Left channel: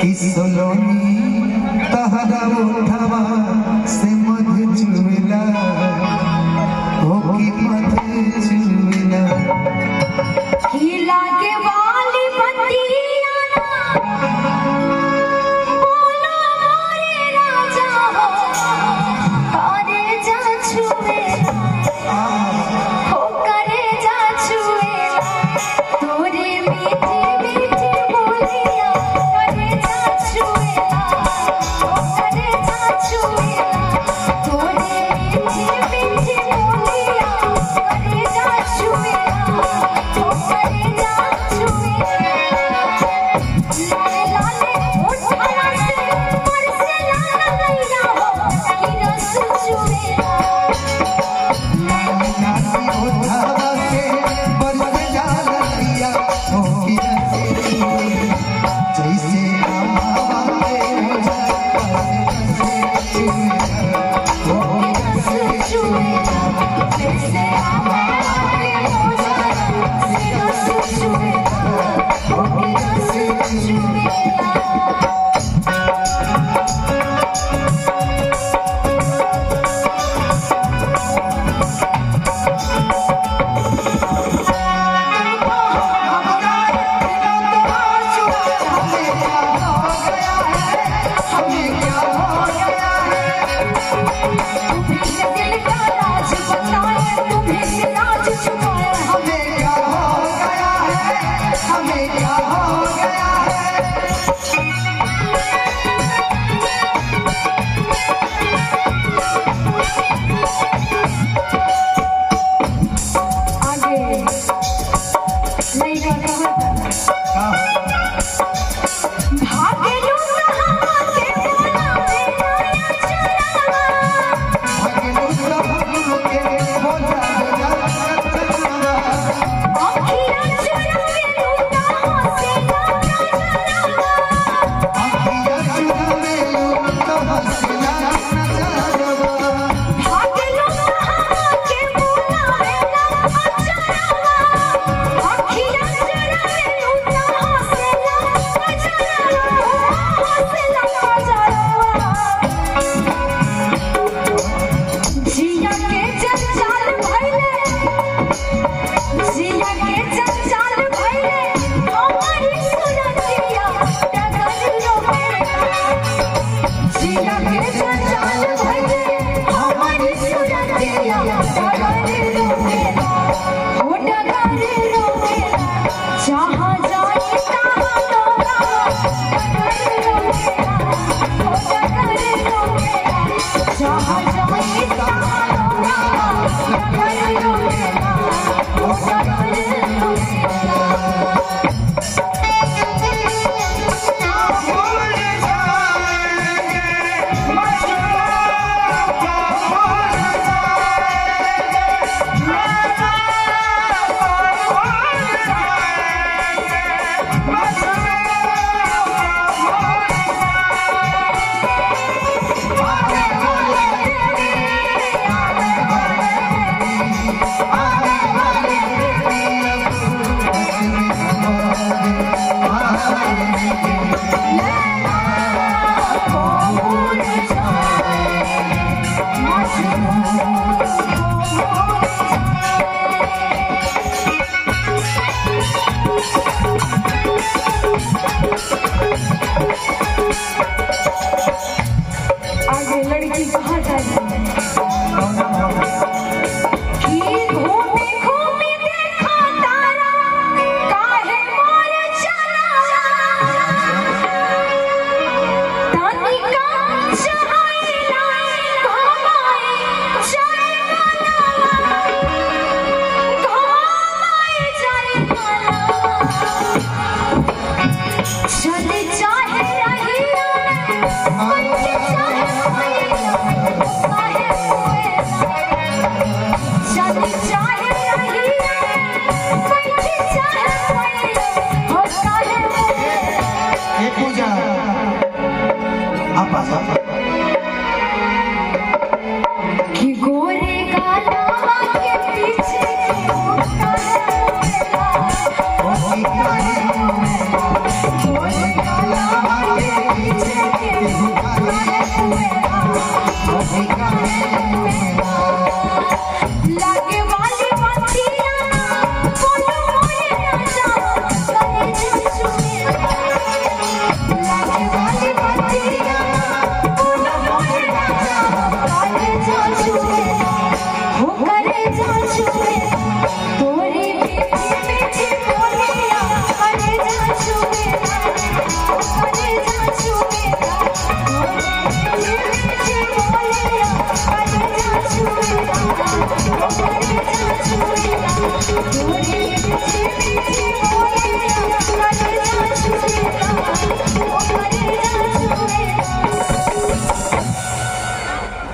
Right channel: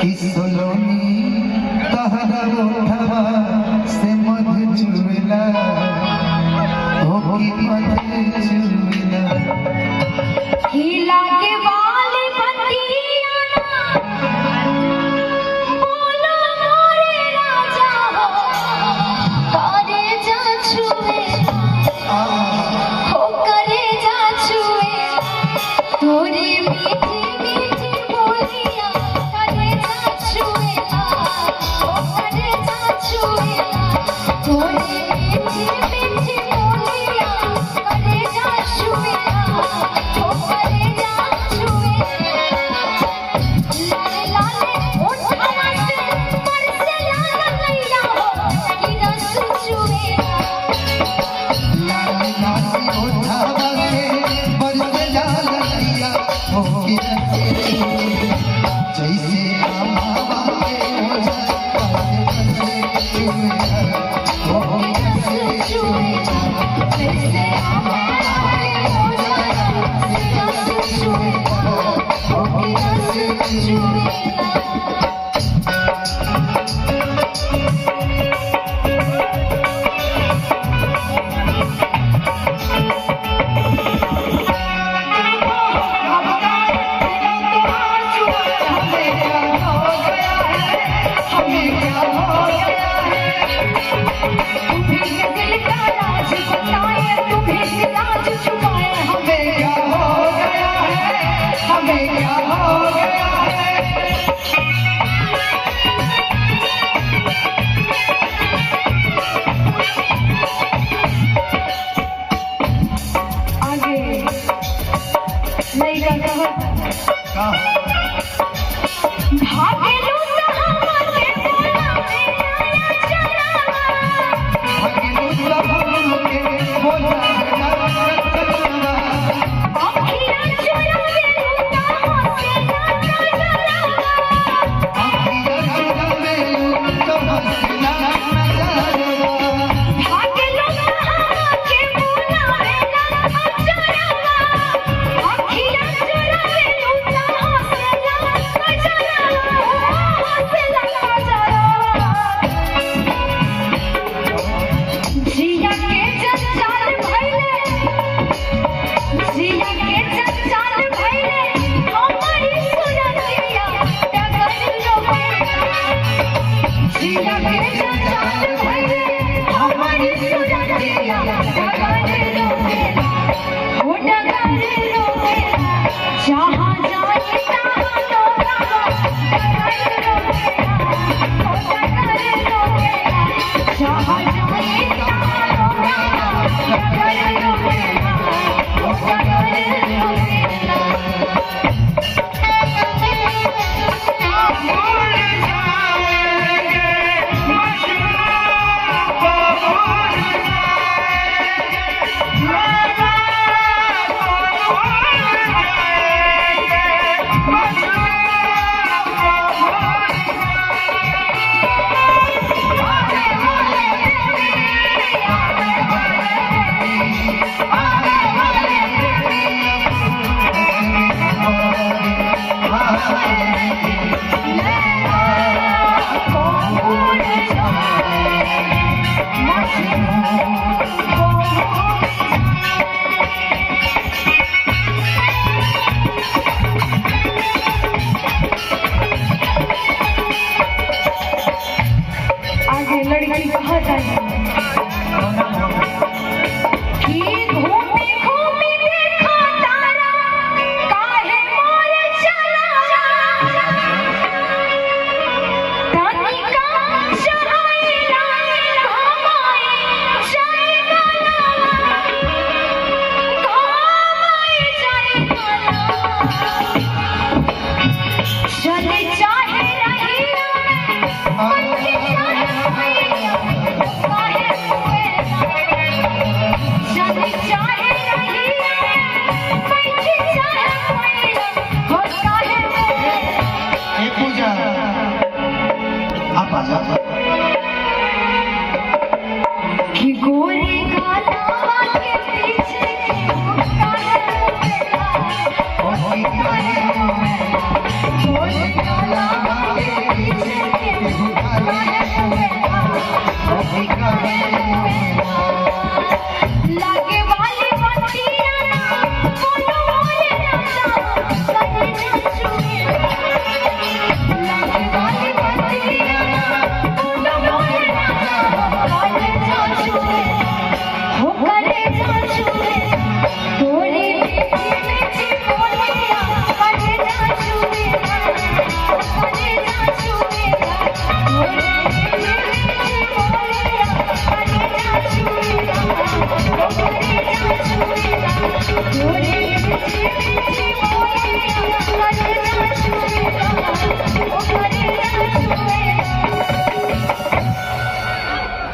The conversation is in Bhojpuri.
किसलोनी तहरा उठवा से मध चुला हो की मध चुला हिला के वाली बतिया बोलो मोरे राजा हो करे जा छुए हो करे जा छुए तोरे मीठी मीठी बोलिया करे जा छुए हो करे जा छुए तोरे मीठी मीठी बोलिया करे जा छुए हो करे जा छुए लाले लाले उठा से बरसे लाला गैया हो कि रस छुए लाली लाली उठवा से बरसे जाला गैया हो की जैसे हवा के हो जाए हो रस छुए जैसे हमारे हो जाए रस छुए हो कि रस छुए तुम्हें दिल का राज बताए तुम्हें राज छुपाए हमें क्या हो गया है हमें क्या हो गया है आगे लइका कहता भागे लूटा हमके बोलावे आया चरावा अखियाँ चुरावे लूटा हंसे लाटा जरावा भागे लूटा हमके बोलावे आया चरावा अखियाँ चुरावे लूटा हंसे लाटा जरावा हंसे लाटा जरावा जिया के जंजाल भइले जिया के जंजाल भइले हमारी सुरतिया डगर रोके जिया के जंजाल भइले हमारी सुरतिया डगर रोके हो डगर रोके जहाँ जाए तहाँ लोगा डगर रोके हो डगर रोके जहाँ जाए तहाँ लोगा डगर रोके हो डगर रोके आगे लड़की कहाँ जाएगी कि घूमी घूमी देखा तारा काहे मोर चला तनिका चढ़ाइला घुमाई जाए वाला चले चाहे रही चले चाहे रही बैठे चाहे हो चाहे ए पूजा आप आजा कि गोरे गाना के पीछे गोरे गाना हे